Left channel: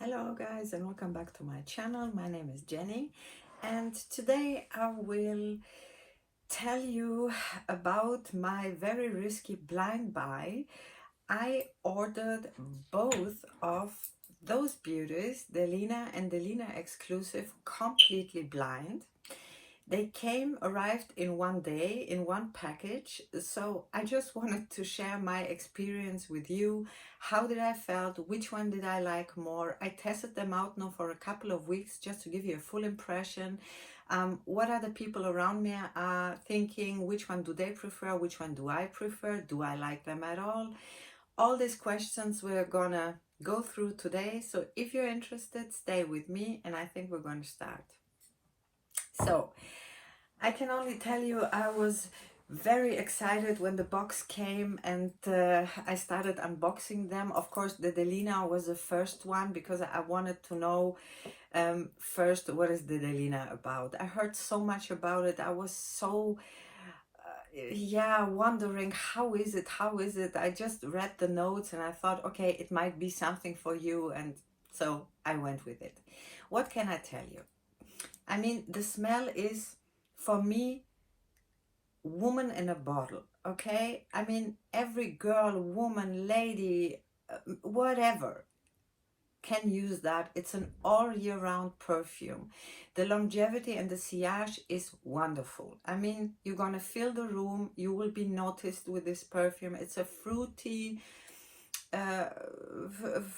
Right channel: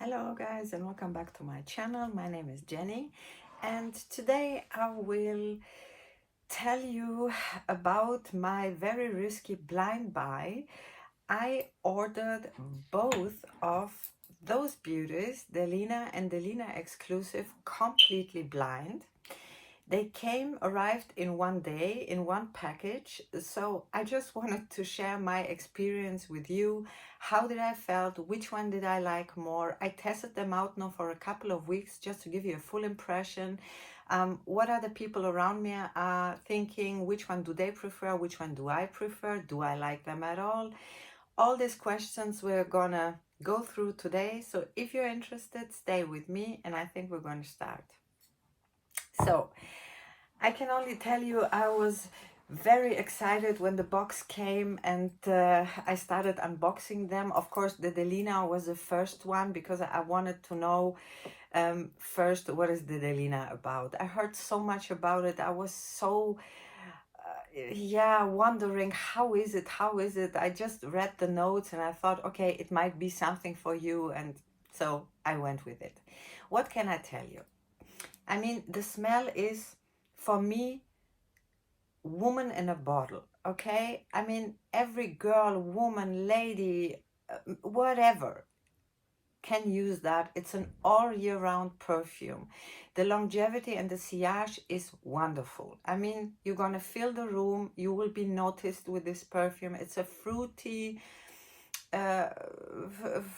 Hello guys and welcome back to my channel. My name is Jenny and today I will tell you about my very risky blind buy. I ordered both of those beauties, Delina and Delina Exclusif, completely blind. They arrived in one day, in one package. So I just wanted to share my experience with you. How did I felt? Which one did I like more? I tested them out now for a couple of weeks just to give you a full impression. What other people around me are thinking? Which one do they prefer? Which one do I prefer? Do I like them at all? All these questions we're gonna go through today. So if you're interested, stay with me and I think we're going to start. So I can only tell you I was very excited when the box came and I started unboxing them. Of course, the Delina was the first one because I wanted to know first, what is the Delina about? I heard so much about it. I was so, wondering, how is it? How is it? I just read the notes and I thought, okay, it might be something for you. And so I went with it. What can I tell you? I mean, the smell is, for me, woman in a bottle. Okay, I mean, every girl, woman, lady, whatever can use that. It's an all year round perfume. The longevity and the sillage is wonderful. I mean, you're gonna fill the room, you will be noticed with this perfume. It's a fruity,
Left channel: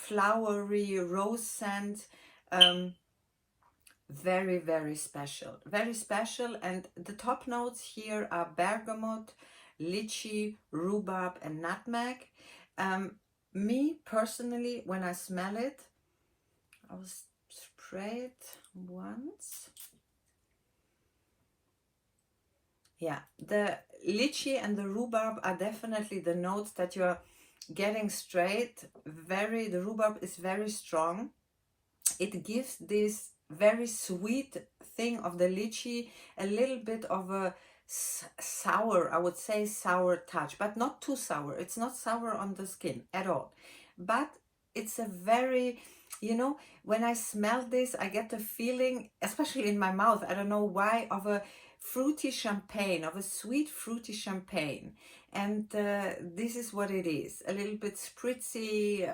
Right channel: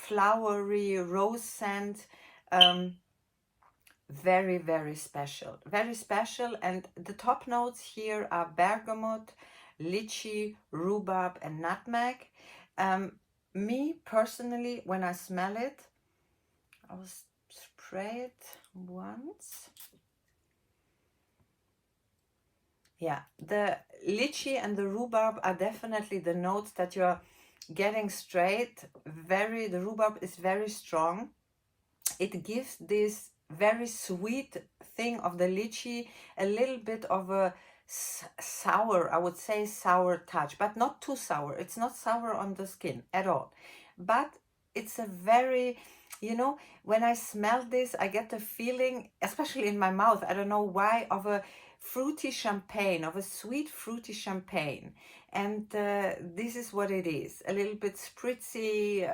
flowery rose scent. Very, very special, very special. And the top notes here are bergamot, lychee, rhubarb and nutmeg. Me personally, when I smell it, I will spray it once. Yeah, the lychee and the rhubarb are definitely the notes that you're getting straight. The rhubarb is very strong. It gives this very sweet thing of the lychee, a little bit of a sour, I would say sour touch, but not too sour. It's not sour on the skin at all, but it's a very, when I smell this, I get the feeling, especially in my mouth, I don't know why, of a fruity champagne, of a sweet fruity champagne. And this is what it is, a little bit spritzy,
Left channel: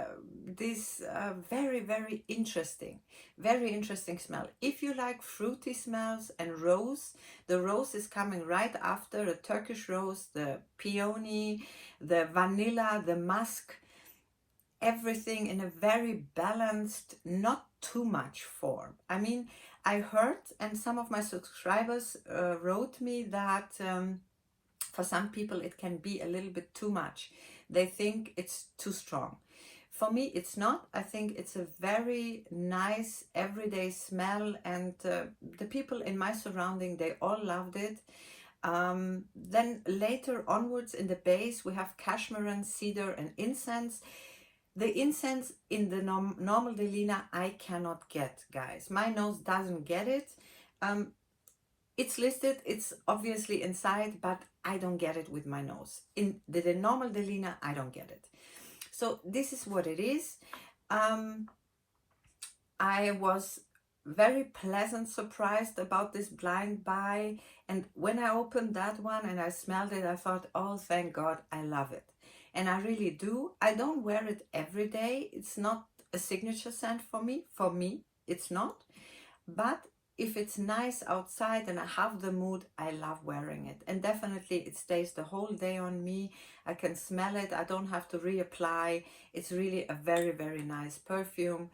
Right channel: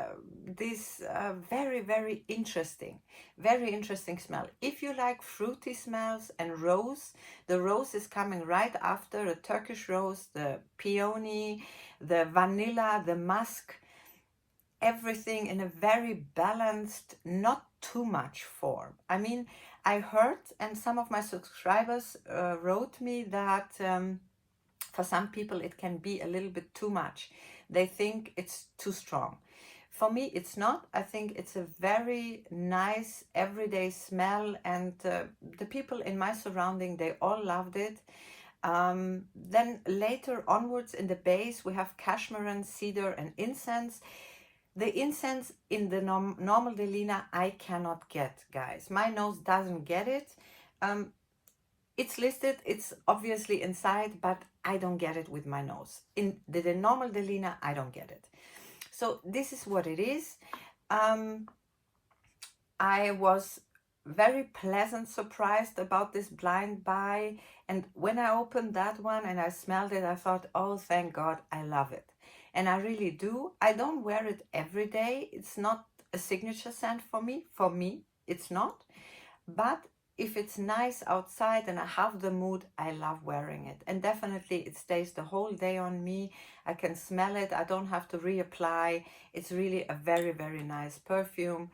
very, very interesting smell. If you like fruity smells and rose, the rose is coming right after, a Turkish rose, the peony, the vanilla, the musk, everything in a very balanced, not too much form. I mean, I heard, and some of my subscribers wrote me that for some people it can be a little bit too much. They think it's too strong. For me, it's not. I think it's a very nice everyday smell, and the people in my surrounding, they all loved it. Then later onwards in the base, we have cashmere, cedar and incense. The incense in the normal Delina, I cannot get, guys. My nose doesn't get it. It's listed, it's obviously inside, but I don't get it with my nose. In the normal Delina, I don't get it. So this is what it is. I was very pleasant surprised about this blind buy. And when I opened that one and I smelled it, I thought, oh, thank God, I love it. And I really do. I don't wear it every day. It's not a signature scent for me. For me, it's not. But if it's nice outside and I have the mood, I love wearing it. And definitely it stays the whole day on me. I can smell it. I don't have to reapply. It's really a very, very nice perfume.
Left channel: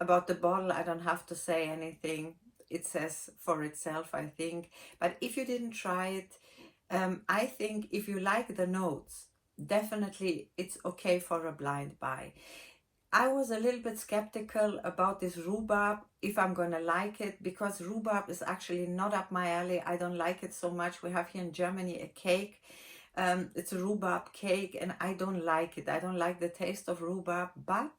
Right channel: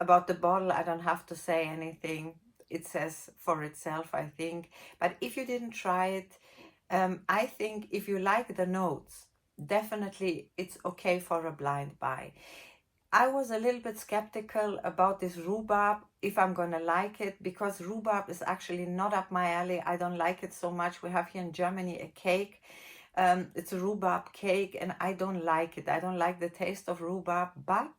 About the bottle, I don't have to say anything. It says for itself, I think. But if you didn't try it, I think if you like the notes, definitely it's okay for a blind buy. I was a little bit skeptical about this rhubarb, if I'm gonna like it, because rhubarb is actually not up my alley. I don't like it so much. We have here in Germany a cake. It's a rhubarb cake and I don't like it. I don't like the taste of rhubarb, but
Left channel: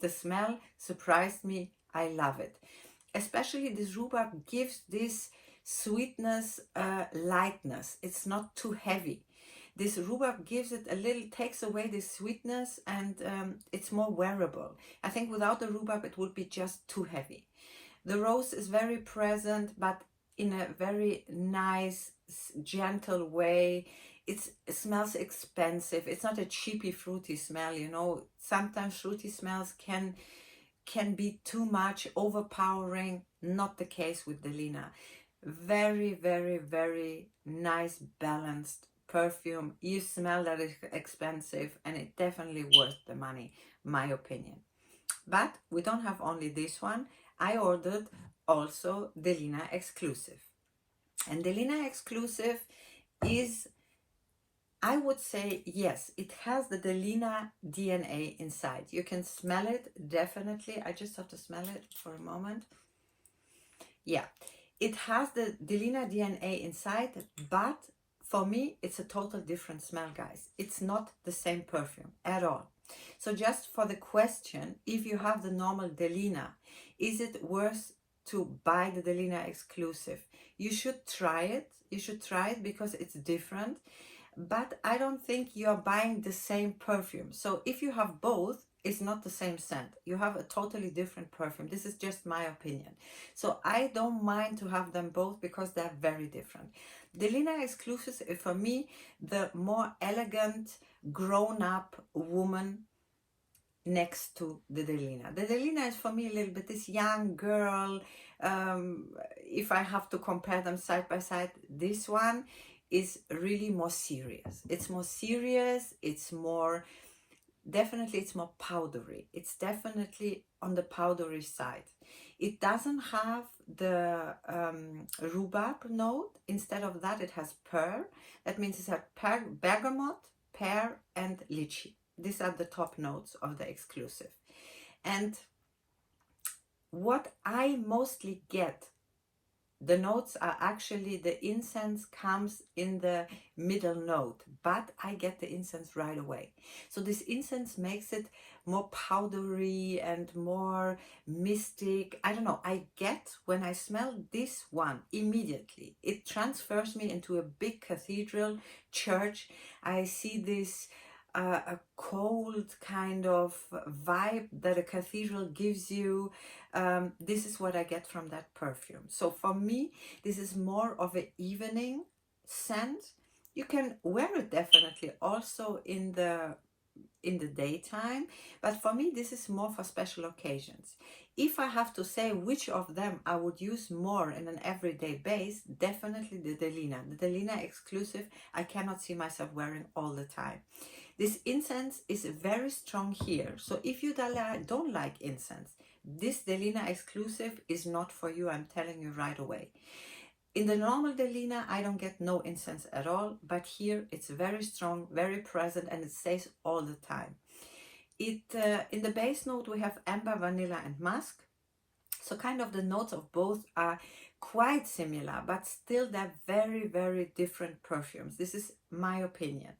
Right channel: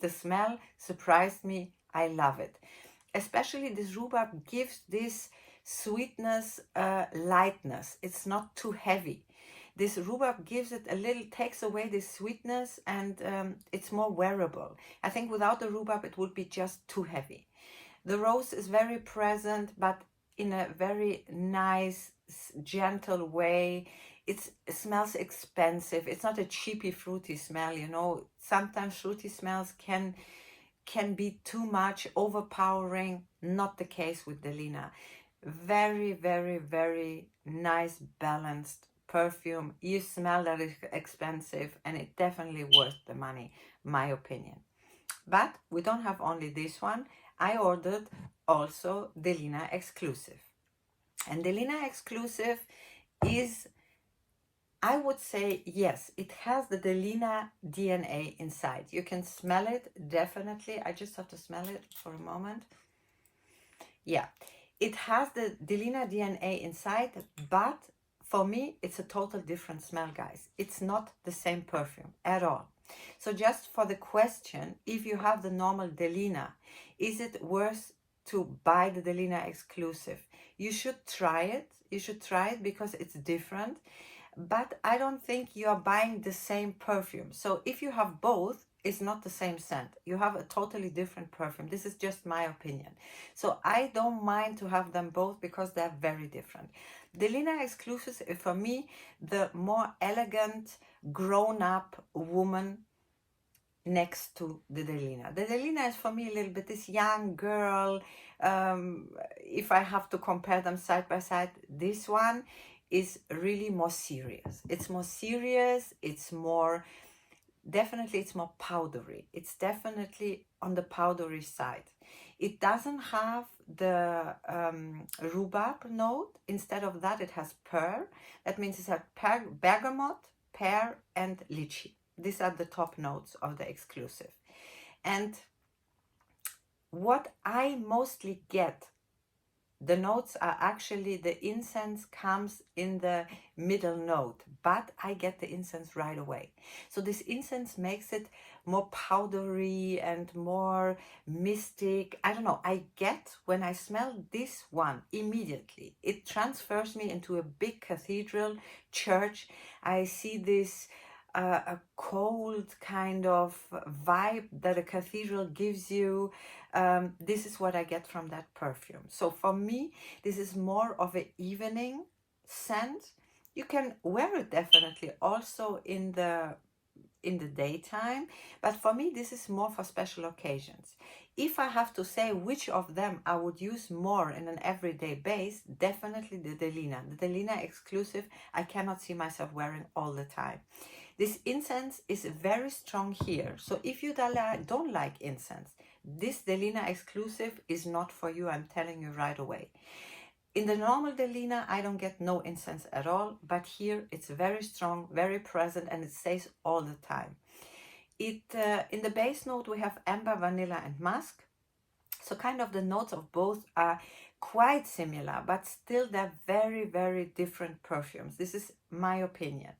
the smell surprised me. I love it. Especially this rhubarb gives this sweetness, lightness. It's not too heavy. This rhubarb gives it a little, takes away the sweetness, and it's more wearable. I think without the rhubarb it would be just too heavy. The rose is very present, but in a very nice, gentle way. It smells expensive. It's not a cheapy, fruity smell, you know. Sometimes fruity smells can be too much, overpowering. Not the case with Delina. Very, very, very nice, balanced perfume. You smell that it's expensive, and it's definitely worth the money, my opinion. But we don't have only this one. I ordered also Delina Exclusif. And Delina Exclusif is, I would say, yes, it has the Delina DNA inside. You can smell it, definitely. I just have to smell it for a moment. Yeah, it has the Delina DNA inside, but for me, it's a total different smell, guys. It's not the same perfume at all. So just for the question, if you have the normal Delina, is it worth to buy the Delina Exclusif? You should try it. You should try it because it's different. But I don't think you are buying the same perfume. So if you have both, it's not the same scent. You have a totally different perfume. This is just my opinion. So I don't mind to have them both because they're very different. Delina Exclusif is for me the more elegant, grown-up woman next to the Delina. The Delina is for me a little bit this young girl. If I have to compare them side by side, this one is really more serious. It's more serious. It's more, definitely it's more powdery. It's definitely on the powdery side. It doesn't have the rhubarb note. Instead of that, it has pear. That means it's a bergamot, pear, and lychee. These are the top notes of the Exclusif. And what I mostly get, the notes are actually, the incense comes in the middle note, but I get the incense right away. So this incense makes it more powdery and more mystic. I don't know, I get, when I smell this one, immediately, it transfers me into a big cathedral church. I see this a cold kind of vibe that a cathedral gives you. This is what I get from that perfume. So for me, this is more of an evening scent. You can wear it definitely also in the daytime, but for me this is more for special occasions. If I have to say which of them I would use more in an everyday base, definitely the Delina. The Delina Exclusif I cannot see myself wearing all the time. This incense is very strong here, so if you don't like incense, this Delina Exclusif is not for you, I'm telling you right away. In the normal Delina, I don't get no incense at all, but here it's very strong, very present, and it stays all the time. In the base note, we have amber, vanilla, and musk. So kind of the notes of both are quite similar, but still they're very, very different perfumes. This is my opinion.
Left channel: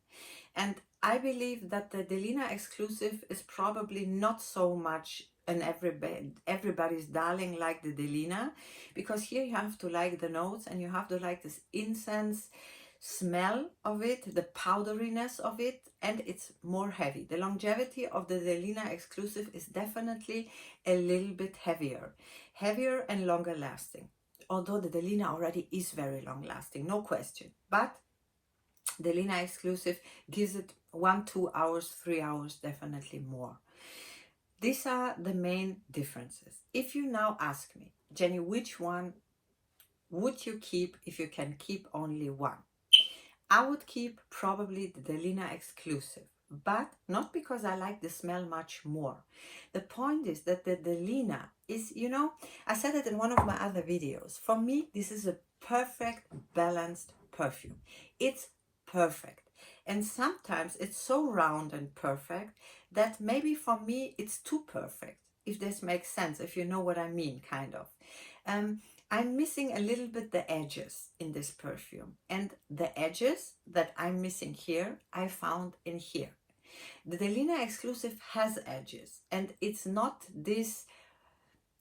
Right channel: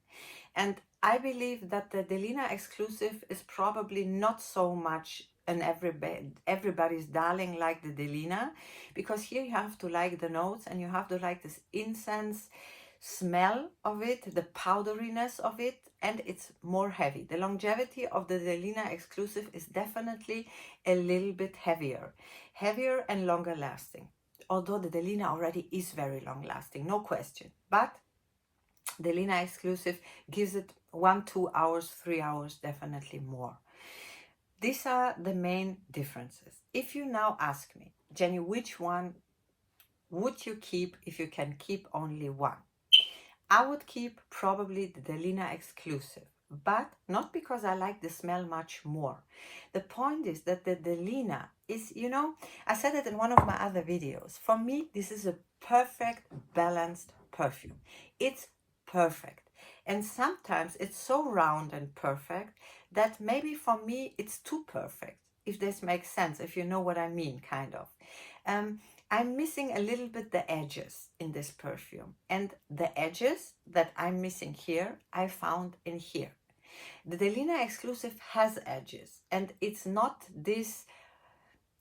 And I believe that the Delina Exclusif is probably not so much an everybody's darling like the Delina, because here you have to like the notes and you have to like this incense smell of it, the powderiness of it, and it's more heavy. The longevity of the Delina Exclusif is definitely a little bit heavier and longer lasting. Although the Delina already is very long lasting, no question. But Delina Exclusif gives it 1, 2 hours, 3 hours, definitely more. These are the main differences. If you now ask me, Jenny, which one would you keep if you can keep only one? I would keep probably the Delina Exclusif, but not because I like the smell much more. The point is that the Delina is, you know, I said it in one of my other videos. For me, this is a perfect balanced perfume. It's perfect. And sometimes it's so round and perfect that maybe for me it's too perfect, if this makes sense, if you know what I mean, kind of. I'm missing a little bit the edges in this perfume, and the edges that I'm missing here, I found in here. The Delina Exclusif has edges, and it's not this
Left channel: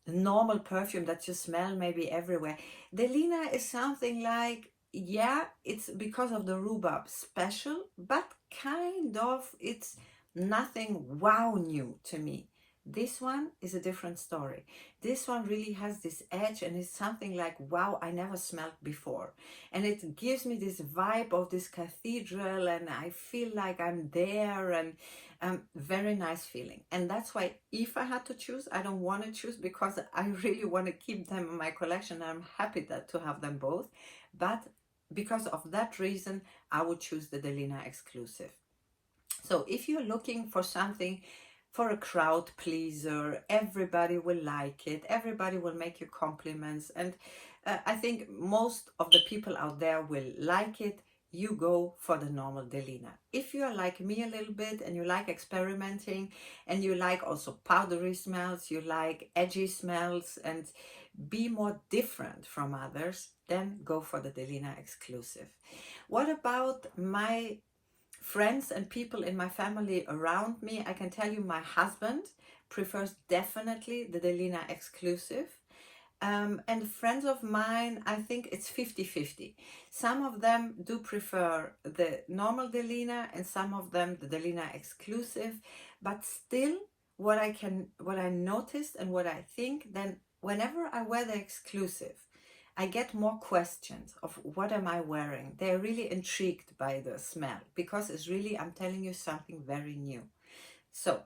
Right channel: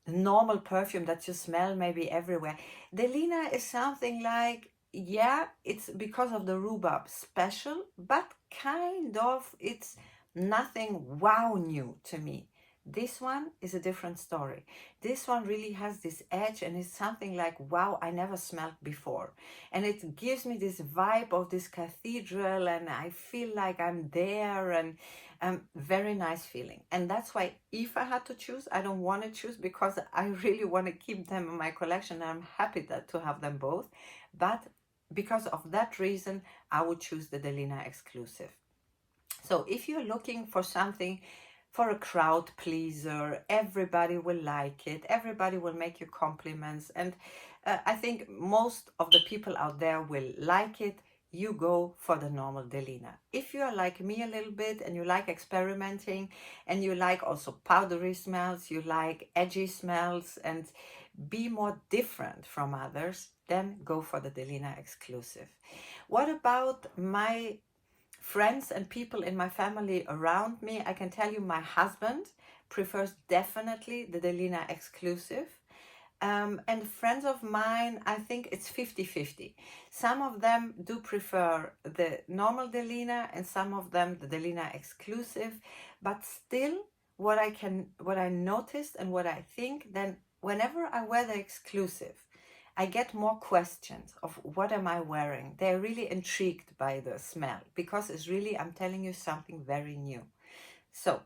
normal perfume that you smell maybe everywhere. Delina is something like yeah, it's because of the rhubarb special, but kind of it's nothing wow new to me. This one is a different story. This one really has this edge and it's something like, wow, I never smelled before. And it gives me this vibe of this cathedral and I feel like I'm there, and very nice feeling. And that's why if I had to choose, I don't want to choose because I really want to keep them in my collection. I'm happy that to have them both. But because of that reason, I would choose the Delina Exclusive. So if you're looking for something for a crowd pleaser, everybody will like it, everybody will make you compliments, and I think most of the people out there will like it, you go for the normal Delina. If you are like me a little bit and you like experimenting and you like also powdery smells, you like edgy smells and be more different from others, then go for the Delina Exclusive. What about my friends and people in my family around me? I can tell you my husband prefers definitely the Delina Exclusive. And friends of mine, I think it's 50-50. Some of them do prefer the normal Delina and some of them the Delina Exclusive. But still, what I noticed and what I think, then whenever I wear the Exclusive, I get more questions of what am I wearing. They're really intrigued by the smell because it's really, I'm telling you, something very new. So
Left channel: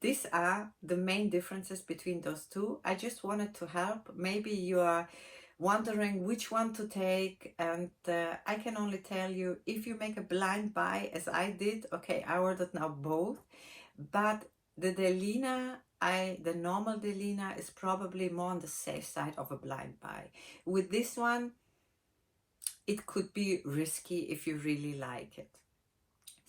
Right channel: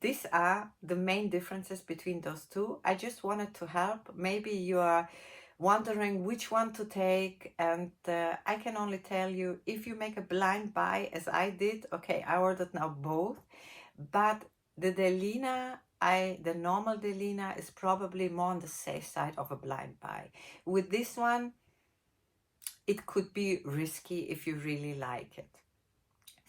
these are the main differences between those two. I just wanted to help. Maybe you are wondering which one to take, and I can only tell you, if you make a blind buy as I did, okay, I ordered now both, but the Delina, the normal Delina is probably more on the safe side of a blind buy. With this one, it could be risky if you really like it.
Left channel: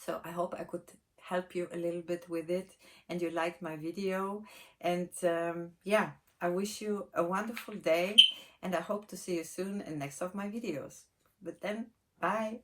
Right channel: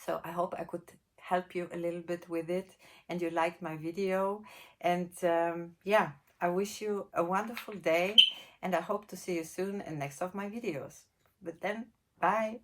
So I hope I could help you a little bit with it and you liked my video. And yeah, I wish you a wonderful day and I hope to see you soon in next of my videos. But then, bye.